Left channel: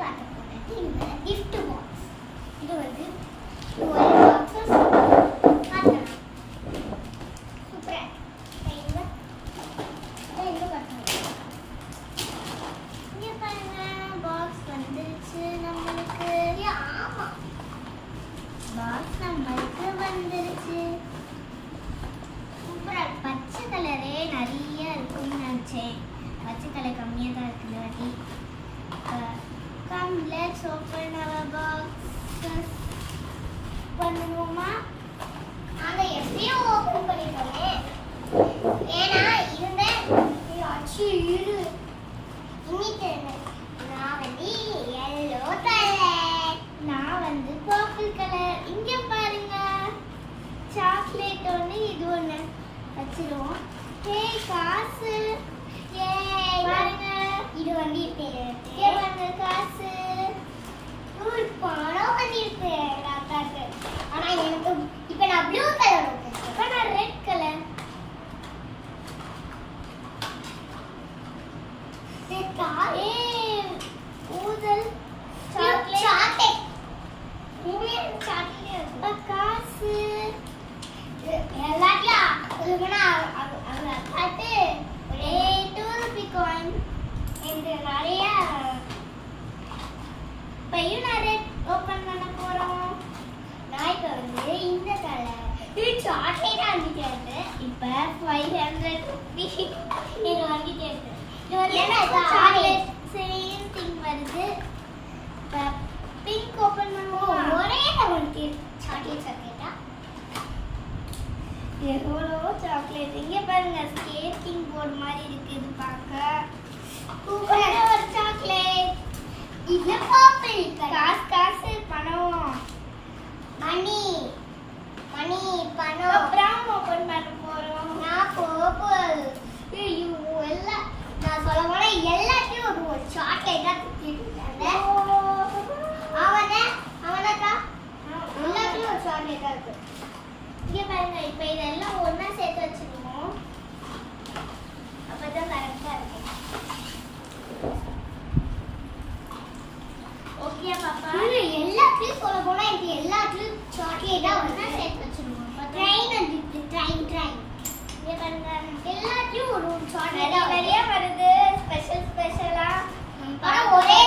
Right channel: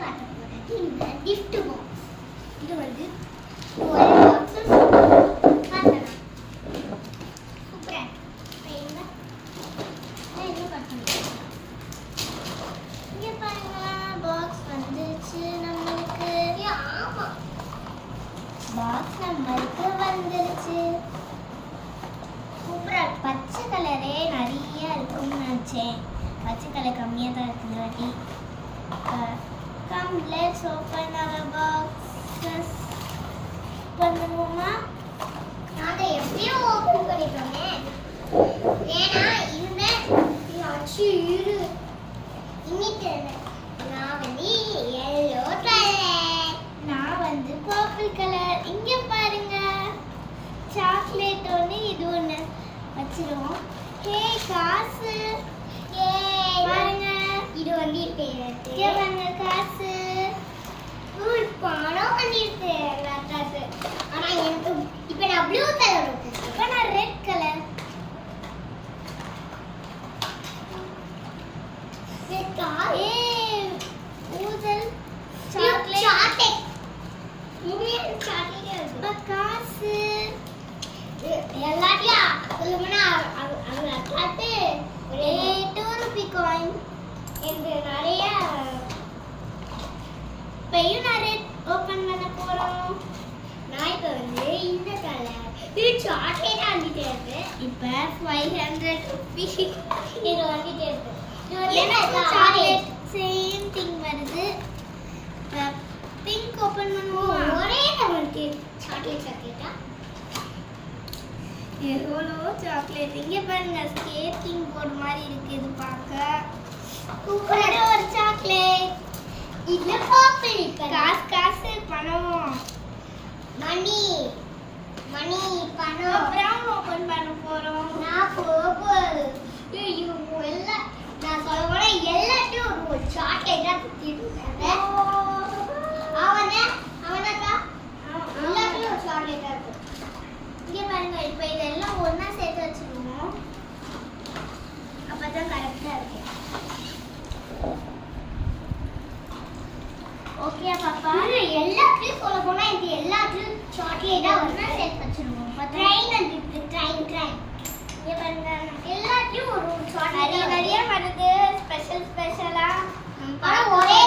காட்ட போறது இந்த gift box. இது வந்து ஒரு பாக்ஸ் காட்டலாம். சூப்பரா இங்க என்ன காட்டணும். இங்க பாருங்க பாக்ஸ் வந்துச்சு நமக்கு. ஆமா பாக்ஸ் நமக்கு வந்துருச்சு. சூப்பரா பச்சை கலரே நிறைய இருக்கும்னு நினைச்சேன். பச்சை கலர் கம்மியாக தான் இருக்குது வாட்டி. Come let's open our boxes. பண்ணுவோமா? நாங்கள் எப்படியும் ஓப்பன் பண்ணிட்டோமே. ஏன்னா இந்த அச்சு இரு இன்னிட்டு நான் வந்து எல்லோ கலர், நான் வந்து பர்பிள் கலர். இங்கே பாருங்க சாக்லேட் ஒன்று இது ஒன்று வச்சிருவோம். ஹே காசு பாருங்க இது வந்து பாருங்க காசு பணம் பண்ணிருக்கு தாத்தாக்கு. ஆனா எனக்கு இப்ப நான் ப்ளூ கலர் இப்ப நான் ரெட் கலர் ஊதல் சாக்லேட் சாக்லேட் காசு எல்லாத்தையும் சொல்லுங்கன்னா அவங்க பார்த்து ஒரே 2 ரூபி காயின் என்று நிறைய பையும் நிறைய ஓப்பன் பண்ண போறோம். நான் இப்போ வந்து இந்த கலர் இது சாக்லேட் வாங்கிட்டு இருக்கு. இப்போ 500 ரூபி இது வாங்கிட்டு இருக்கு. இது வந்து சாக்லேட் சேம் திங் வருது. இப்போ பிங்க் ஓப்பன் பண்ணுவோம். ஒரே வந்து சாக்லேட் சாக்லேட்டா எவ்வளோ சாக்லேட். இங்கே பாருங்க ஸ்கேட்டிங் போர்டு மாதிரி இருக்கு. இது பார்க்க சூப்பரான ஒரு சாக்லேட். இது பர்பிள் காசு காசு பணம் மணி மணி பணம். ப்ரௌன் ஓபன் பண்ண போறோம். நான் பர்பிள். ஐயோ எல்லாம் நான் சொல்ல போனா எல்லாத்தையும் ஒரு சாக்லேட்டா தூக்கிட்டு இருக்காங்க. அவனக்கா எல்லாத்தையும் ஒரு சாக்லேட்டா இருக்கு. இங்கே பாருங்க இப்போ இதெல்லாம் ஒன்றா சேர்த்து வச்சுருவோம். அப்போ தான் கரெக்டாக இருக்கும். ஓகே பாப்பா எல்லாத்தையும் சொல்ல போனால் இது எல்லாத்தையும் சாக்லேட்டாக ஒன்றா சேர்த்து வச்சுருவோம். ட்ரெயின் வந்து ட்ரெயின் இங்கே பாருங்க எல்லாத்தையும் ஒரு சாக்லேட் நிறைய வருது. ஸ்பெஷலாக ஆனால் ஒரே